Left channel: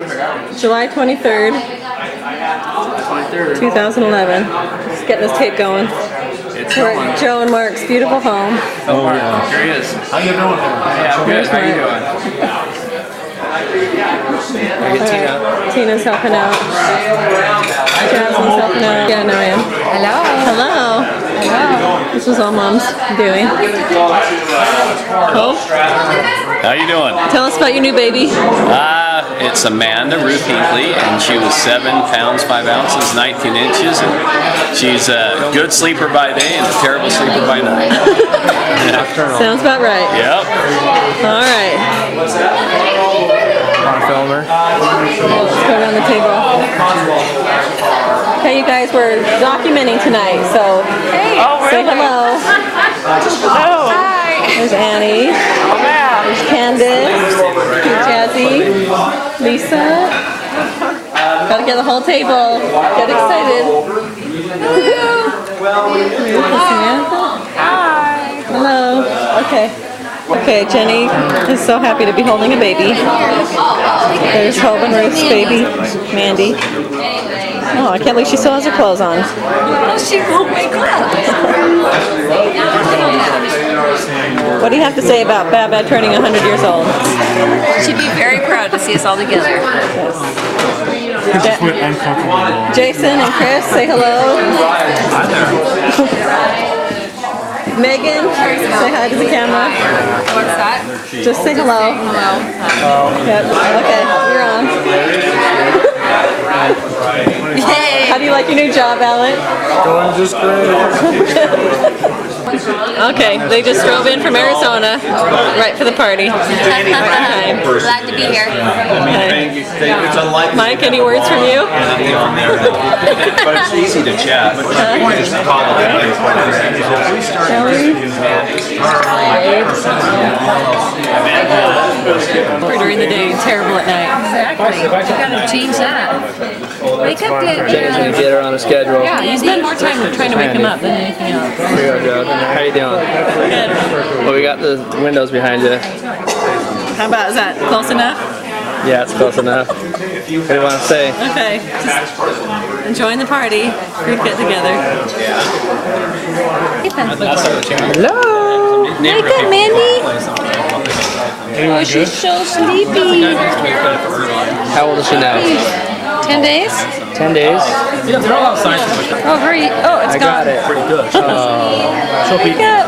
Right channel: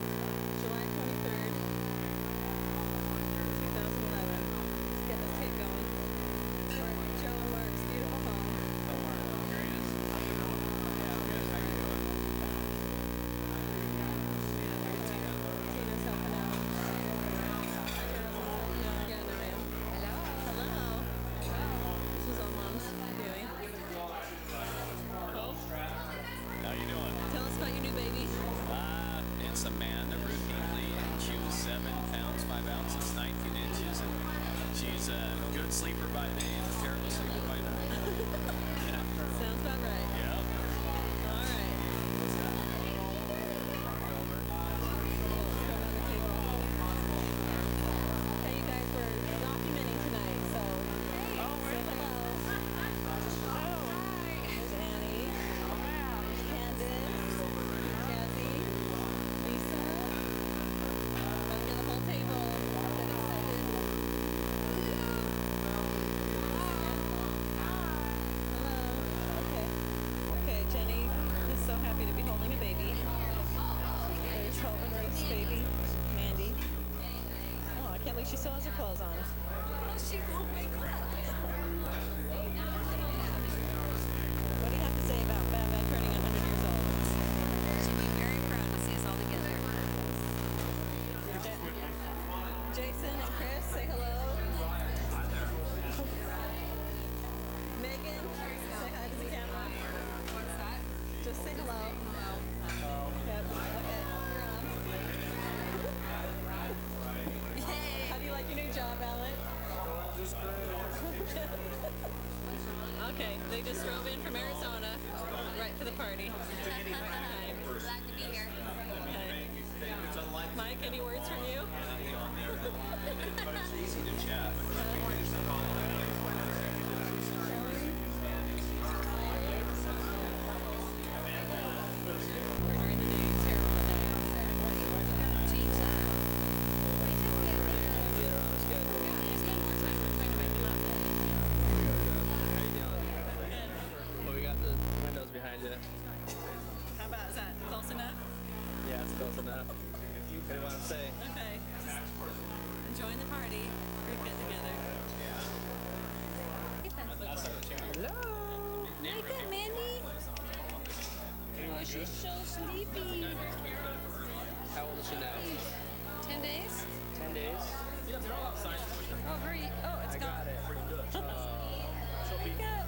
July 23rd, 2011. Just getting this tape going. We're at Joe and Mark's beautiful home. Oh, yeah. Here he is. How you doing? Yeah, good. How you doing? Right. Tina's helping out. Jasmine's helping out. Yeah, no, I am. Hello. Hello. Hello. This is all Mom's doing. Cool. How you doing? Tell us about your new baby. It's Amanda Ruth Hinkley, and she was 7 pounds 5 ounces, 19 inches, and she's a good sleeper by day and a terrible sleeper by night. Sounds about right. Yep. All right. Film her. Let's go around the table. Okay, you guys, we're documenting tonight, so say hello. Hello. Hi. There's Annie. There's Candace. There's Jazzy. Lisa. Gotta get the whole table. Get excited. Samantha. Hi. Hello. Okay. Okay, Jenny is so happy to be holding a baby. There's Hope and Ruth's baby, Mandy. Oh, I can't believe she still has her clothes on. She won't wake up. What do you have to say about Baba turning 100 years old? She'd be very proud to see us all together. Yes. Jason and Chris, say hello. Hi there. Megan, say hi to the camera. What's that? Just say hello. Hello. Yep. Okay, you're on. Yay. How do you like your new job, Alec? Going just great. Okay, they just drove in from Arizona, right for the party. Okay. Glad to be here. Okay. Mike, any words from you? But it's easy to chat. Or during the day, terrible at night. Exactly. You gotta change that. Wake up, Jenny, get her on a schedule. Yeah, you spend more time trying to wake him up than anything else. Here we go, Joe. How you doing? Good. Well, we got the windows behind you. How about, is that close enough? Yeah, it's close enough. What do you want to say? Okay, just enjoying the party. Group get together. Hello. Wake up, Mandy. Oh, she's so sleepy. How old is she now? 10 days? 10 days. Oh, hurry. Oh, it's I got gone. it. Wake up.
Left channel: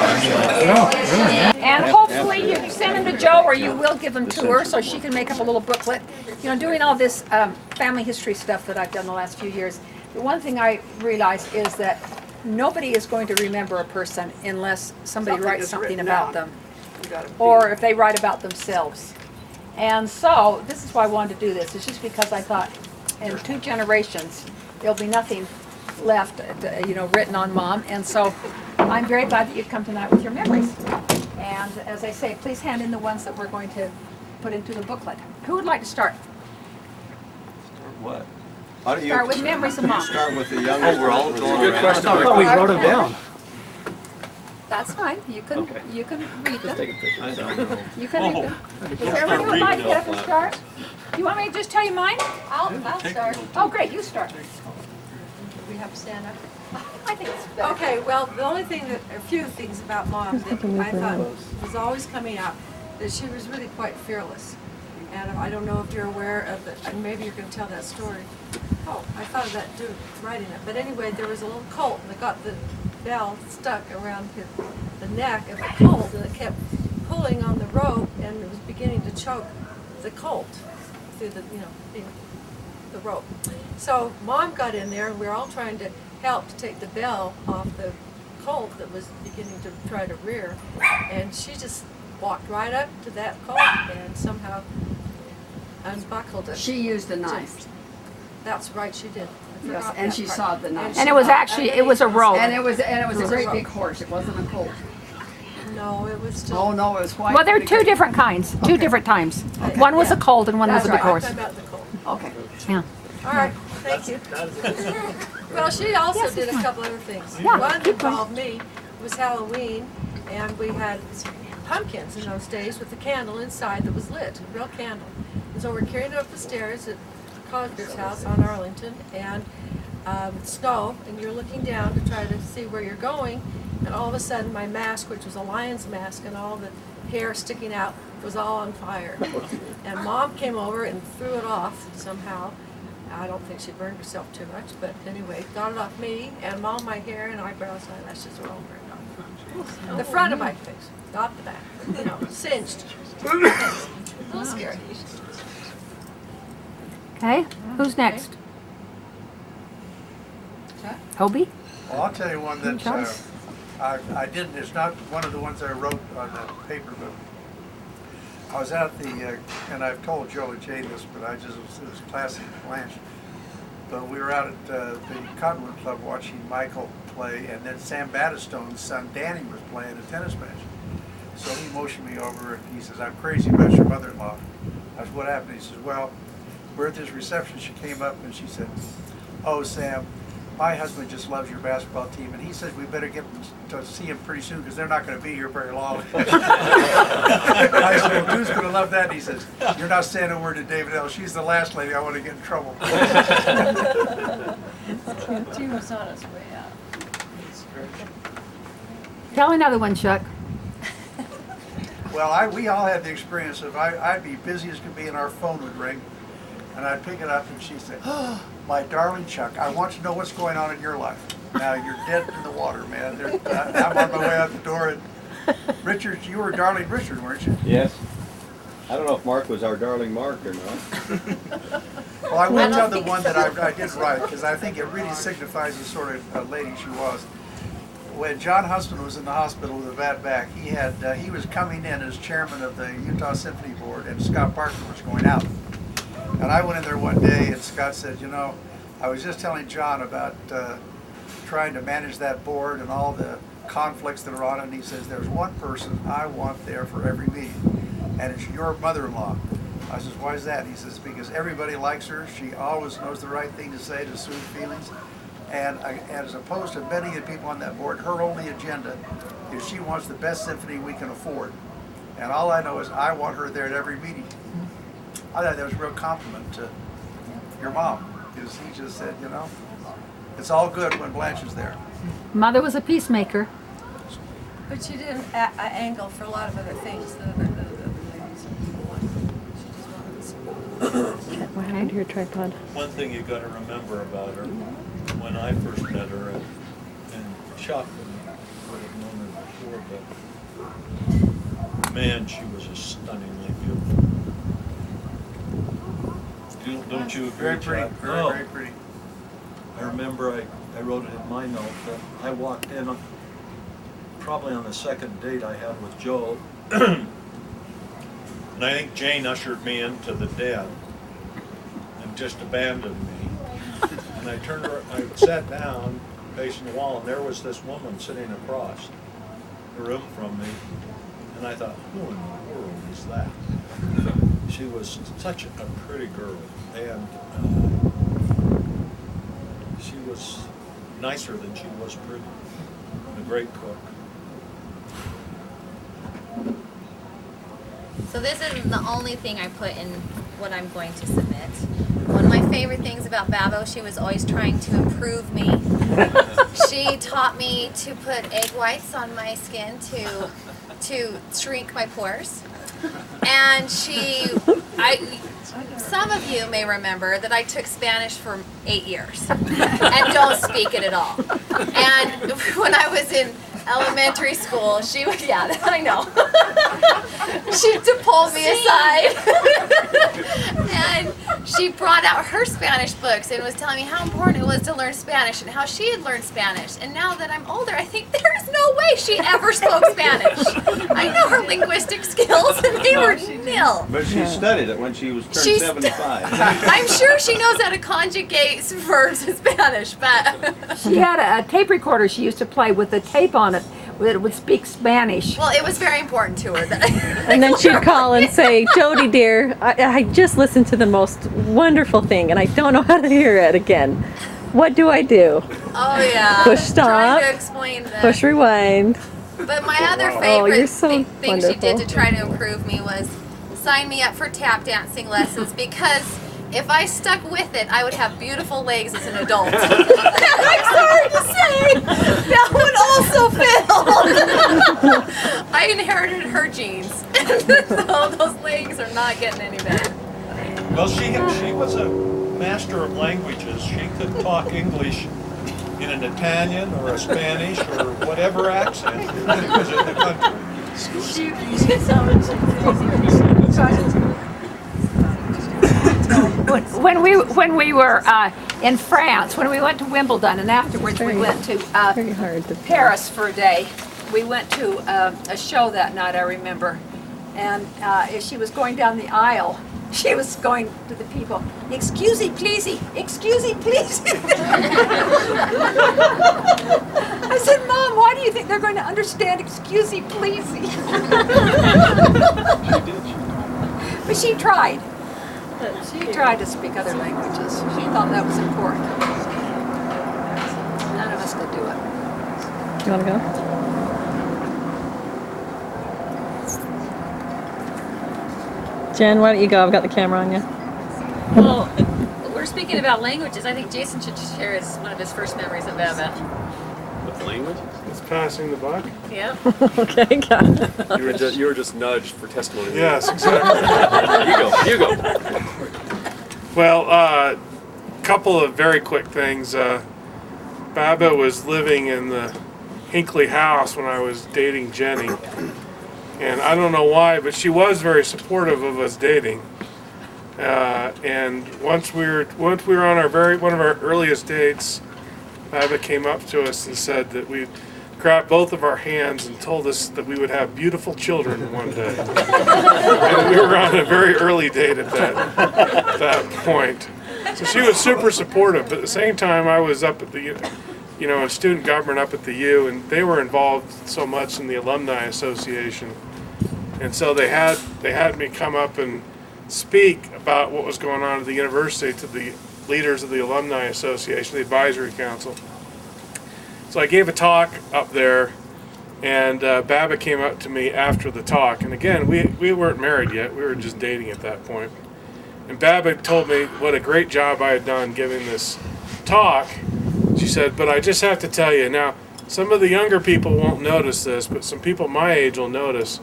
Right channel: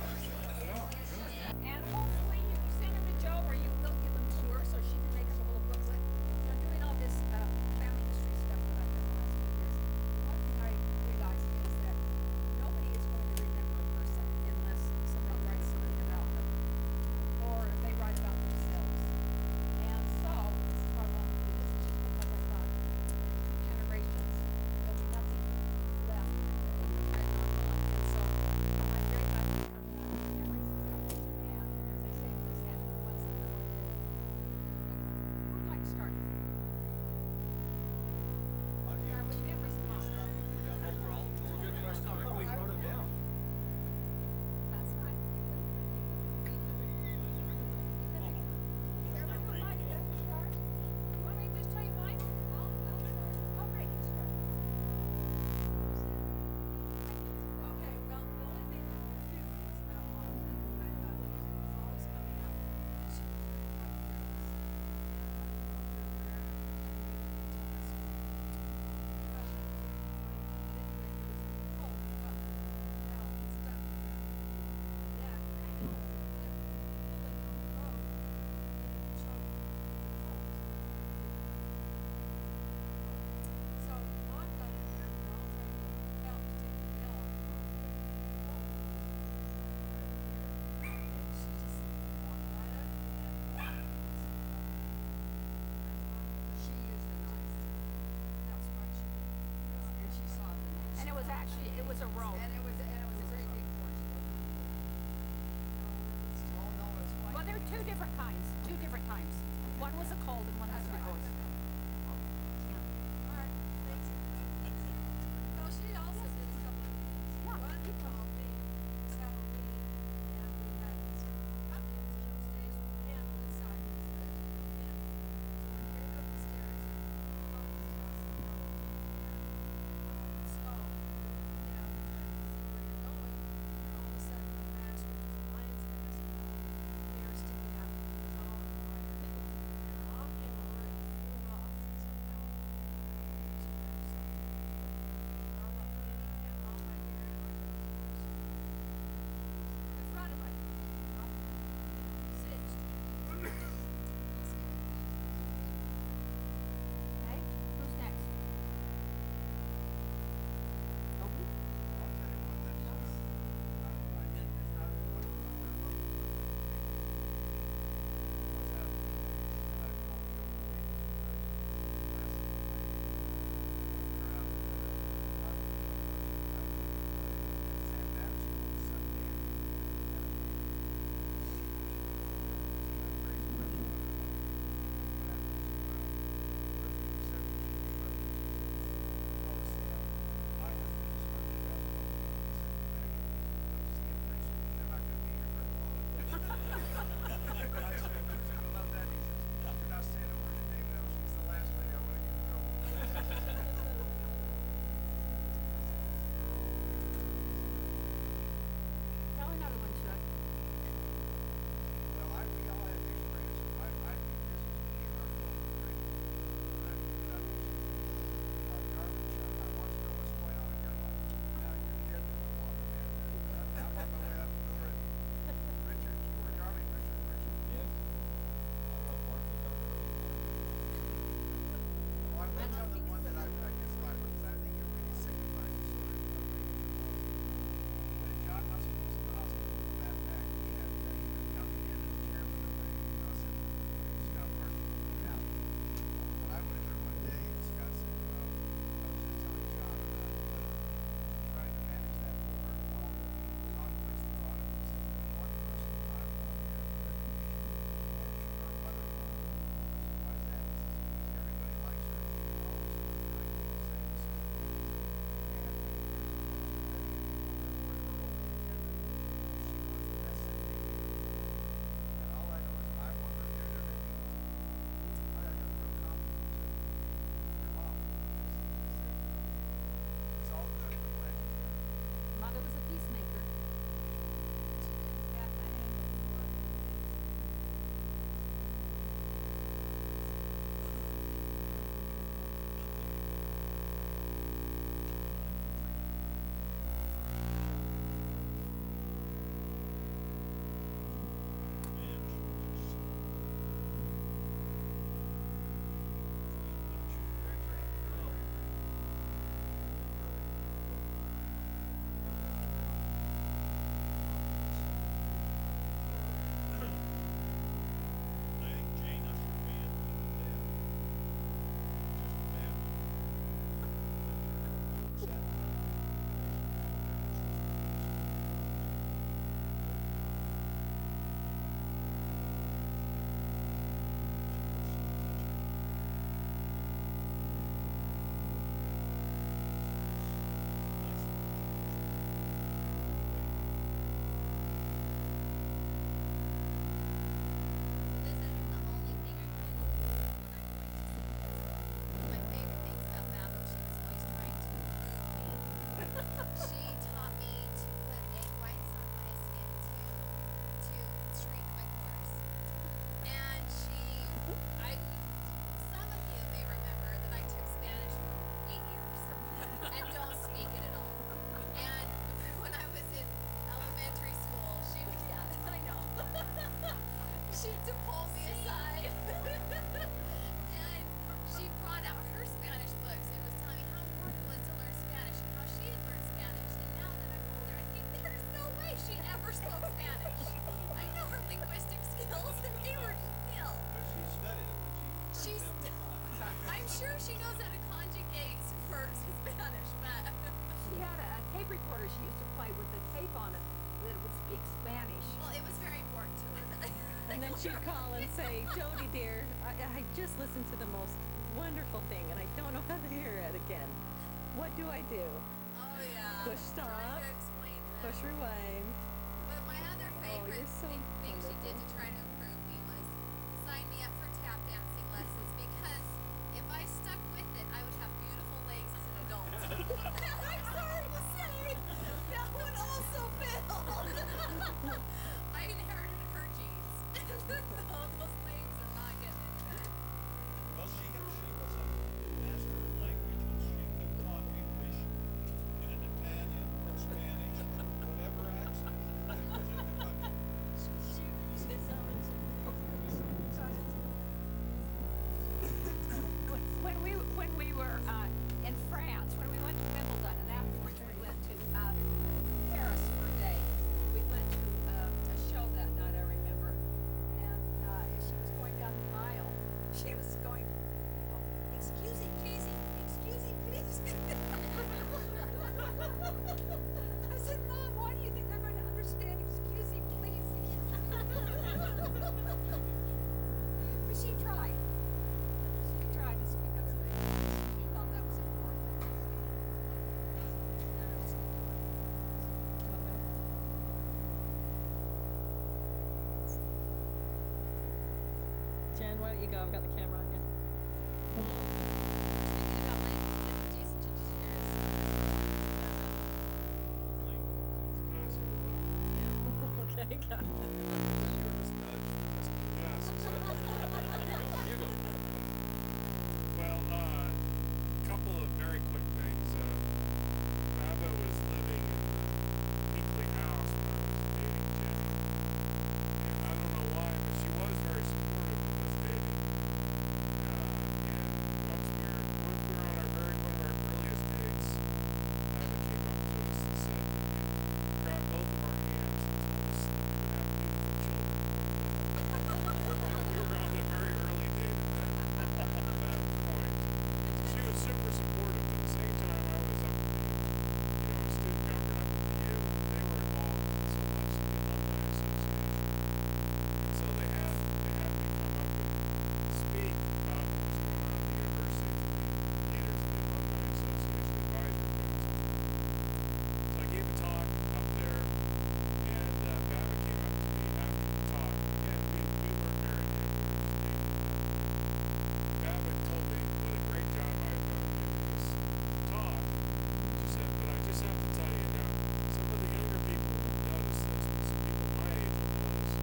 And hopefully you send them to Joe, or you will give them to her so she can make up a little booklet. You know, doing all this family history stuff that I've done the last few years, the one thing I realized is that nobody is going to remember a person unless somebody writes something about them, or if they write about themselves. And so this is why I wanted to do this. It's just because I thought in 2 generations there'll be nothing left, written on Mom. And so I'm very glad that you've come tonight with your memories. And as I say, please hand in the ones that we're going to put into the booklet. Who would like to start? What? How do you Start with memories of Mom. start with the younger world? Good question. I thought we wrote them down. That's fine. You can read them. Take a picture. You can read them. Is everybody would like to get up and start? You want me to just tell you mine? I'll start. Oh, great. You start. We have to stand up. I think it's better. Okay, well, the only thing that, a few things about Mom that I thought was always coming up, that she was really quite fearless. And I don't know if you're aware of it, and maybe you're going to tell that story. Oh, I thought of that too, writing it. But anyway, there was a little colt that got the bell stuck around the neck of the colt, and it kept pulling on the rope, and it was beginning to choke the colt through the rope. So Mom got in there, and we were all trying to help to take the bell off the colt that was beginning to try to rear, and she just walked right up to that colt and somehow unbuckled it. She used a knife. That's right, she did. I Yes, forgot and that she part. sawed the knife. And it was actually, it was a rope. And it was a great big horse. It wasn't a colt. No, it was just. Oh no, it was white. Well, there are 2 different kinds, 2 different times. One was a colt and one was a big That's right. horse. I about the colt. Okay. Yeah. All right, thank you. Well, she also did a couple other things. Yeah, One keep going. involved me. It was Halloween, and we had pumpkins in those days with a candle inside that was lit, a real candle. So we're carrying it up the stairs at Cosger's house on Arlington, and snow, and you're looking down to try to see where you're going, and all of a sudden my mask, which was a lion's mask, and all the hair sticking out, was all on fire. And Mom came over and threw it off somehow. I don't think she burned herself too much, but anyway, got it off me, and all my hair and eyebrows and eyelashes were all burned off. The front of my face, not the back. Singed. A little scary. Okay, who's next? Hobie? Well, I'll tell you one that I didn't, it's not one of the ones I wrote on the paper, but I was at the, and I've told Joe and Jay this, but it was classic Blanche. But we were out at the Cottonwood Club watching Michael play, and then Sam Battistone's son Danny was playing a tennis match. So he motioned me over and he says, "I'm crazy about your mother-in-law." I said, "What happened?" He says, "Well, we're at this reception." She came up and she said, "Oh, Sam, my husband just loves your basketball team, and he says we better get to see him pretty soon because they're not going to be here very long." I said, "Well, who's going to love that?" And he says, "You're not saying a word to David L. She's the last lady I want to get in trouble." She was on his way out. Tell another one, Chuck. Well, we all had the experience of I'd be busy as could be, and our phone would ring, and I'd pick it up, and she'd say, "Oh, my darling Chuck, I want to know what's going on in your life. Now you're dead in the water, man. I'm on my way out the door." And Richard, you were darling Richard, weren't you? Yes. I don't know if Mark was our darling Mark or not. Well, I will tell the one that I did write, because I think it really signifies the sort of lady she was. When John Huston was in the hospital with a bad back, he was coming in as chairman of the Utah Symphony Board, and Scott Parker was going out. And I went in there one day, and Scott said, I was just telling John about trying to manage that board and all the conflicts that are on it, and he says, "There's one person I want there for every meeting, and it's your mother-in-law." I says, "Why is that?" He says, "Because everybody likes her. She always knows the right thing to say to soothe feelings. And as opposed to many of the people on that board, her only agenda is she wants the best symphony we can afford. And all I know is I want her there at every meeting." I thought that was a real compliment to your mom, because he just said, it's all good when Blanche is there. Mother was a peacemaker. But she didn't angle for a lot of other things. What happened to your tripod? One thing you got to remember about her, when I first met her, and Chuck would have known her before, but man, she was just stunningly beautiful. Don't you agree, Very pretty, Chuck? very pretty. I remember I wrote it in my note that I walked in probably on the second date I had with Joe, and I think Jane ushered me into the den and just abandoned me. And I sat down facing the wall, and there was this woman sitting across the room from me, and I thought, who in the world is that? She was such a pretty girl, and she was nicer than she was pretty, and a great cook. So this isn't the only thing I put in what I'm going to submit. One of my favorite things about Babo, she was always trying to improve me. She taught me to put egg whites on my skin to shrink my pores. And some of you may remember that I took Spanish for 8 years and don't speak it at all. And when I was in elementary school, she would, yeah, I know. She pulled me aside and she brought out her Spanish books and was telling me how important it was to learn Spanish and how she had learned Spanish. And now that I'm older, I think there is no way she ever spoke Spanish. I know her linguistic skills and they were nil. But she studied it when she was turned 75. I'm sure she knows how to conjugate verbs in Spanish, but She had a tape recorder she used to play with the tape on it that would speak Spanish. well, it was very important to her. And then she'd call and say, "Jody dear, I just listened to the most wonderful thing and I don't know how to hear it again. What do I do?" Oh yeah. Push stop. Trying to explain that. Push rewind. But my other Oh, favorite you're so thing she did wonderful. to try to improve me was sign me up for tap dancing lessons because if I stuck with it, I would have beautiful legs as an adult. I'm sorry to say, that would also fail. I inherited her genes, so those legs are not getting any better. Well, she was a master of languages. She could talk English in an Italian or a Spanish or whatever accent was in the country. When we were in France, when we went to Wimbledon, and afterwards we went to Paris for a day. We went to a show that night, I remember, and as she was going down the aisle, she was going to the people, "Excuse me, please, excuse me, please." I said, "Mom, why do you think they're going to understand excuse me, please?" But she tried. She tried to speak other languages. She thought that was important. None of us could do it. You want to go? Jen, why don't you go? I've got the camera on you. Well, we're speaking about languages. I think Jason should share one of his first memories of Baba. With language? It's passing the buck. Yeah. Okay, got it. You were just nudged for testimony. Yes, exactly. You go. Well, couple of very quick things. Baba was living in the Hinckley house when I was dating Jenny. And I don't know why, but she was very supportive of us dating. And once we were on one of our earliest dates, Baba came up to us and said that we'd grabbed both of our hands and told us that we would have beautiful children one day. And we were on a very early date at that point. So she was super supportive, but at the same time I was up at the, in student government up at the U, and they were involved so much in the Alumni Association. And so they had me come up and speak about what was going on at the university to the leaders of the Alumni Association, the Advisory Council. So I gave a talk up there, and Baba came up to me after the talk. And again, we weren't married yet. We were just dating at that point. And Baba told me what a great job I had done giving this talk. She said, "But I just have to tell you, now, some of the younger people won't notice this, but some people my age will notice."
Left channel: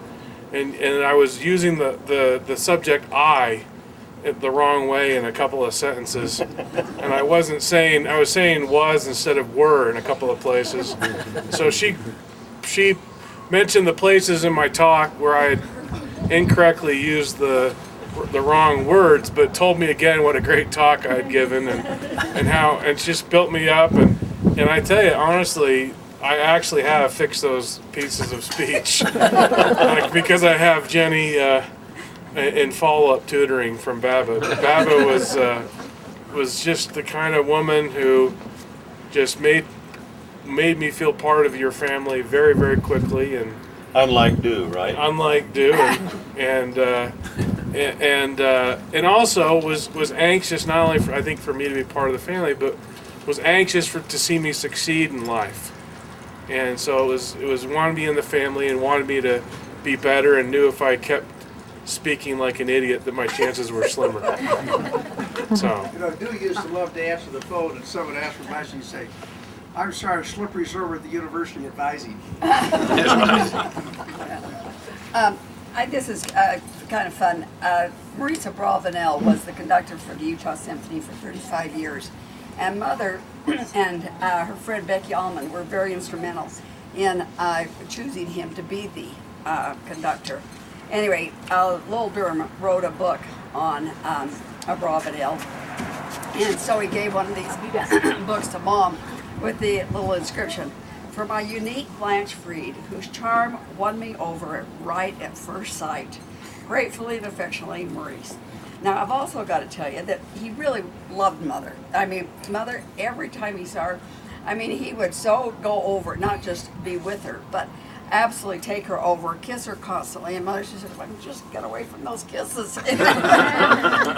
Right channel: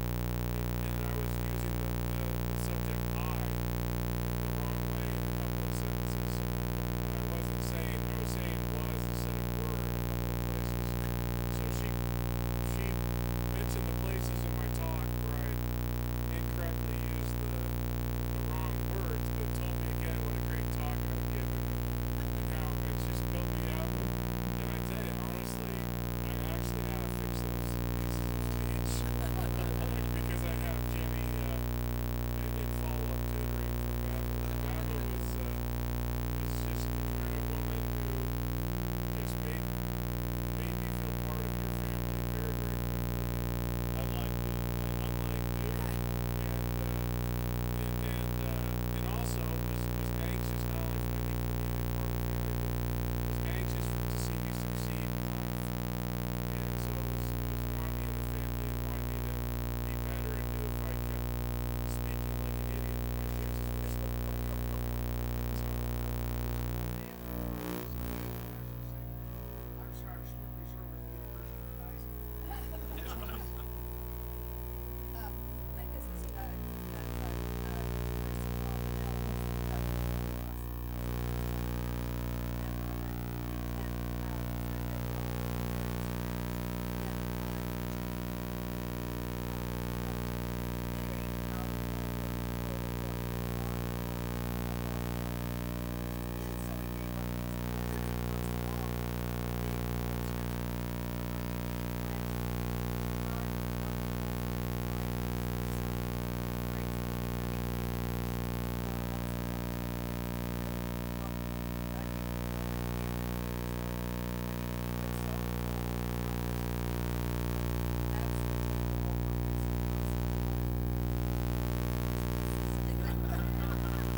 And I was using the subject "I" the wrong way in a couple of sentences, and I was saying "was" instead of "were" in a couple of places. So she mentioned the places in my talk where I had incorrectly used the wrong words, but told me again what a great talk I had given, and just built me up, and I tell you honestly, I actually have fixed those pieces of speech because I have Jenny in follow-up tutoring from Baba. Baba was just the kind of woman who just made me feel part of your family very, very quickly, and Unlike Do, right? Unlike Do, and also was anxious not only for me to be part of the family, but was anxious to see me succeed in life. And so it was wanted me in the family and wanted me to be better, and knew if I kept speaking like an idiot that my chances were slimmer. So. Do used to love to answer the phone, and someone asked for advice, and he'd say, "I'm sorry, Slippery's over at the university advising." This is kind of fun. Marisa Bravenel was the conductor for the Utah Symphony for 35 years. And Mother and her friend Becky Allman were very instrumental in choosing him to be the conductor. Anyway, Lowell Durham wrote a book on Bravenel. And so he gave one of these books to Mom with the little inscription, "For my unique Blanche Freed, whose charm won me over right at first sight. Gratefully and affectionately, Maurice." Now, I've also got to tell you that he really loved Mother. I mean, Mother, every time he saw her, he would so go over, not just be with her, but absolutely take her over, kiss her constantly. And Mother, she said, "If I can just get away from those kisses."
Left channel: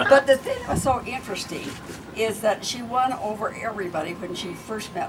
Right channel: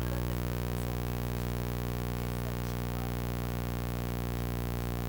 But the thing that was so interesting is that she won over everybody when she first met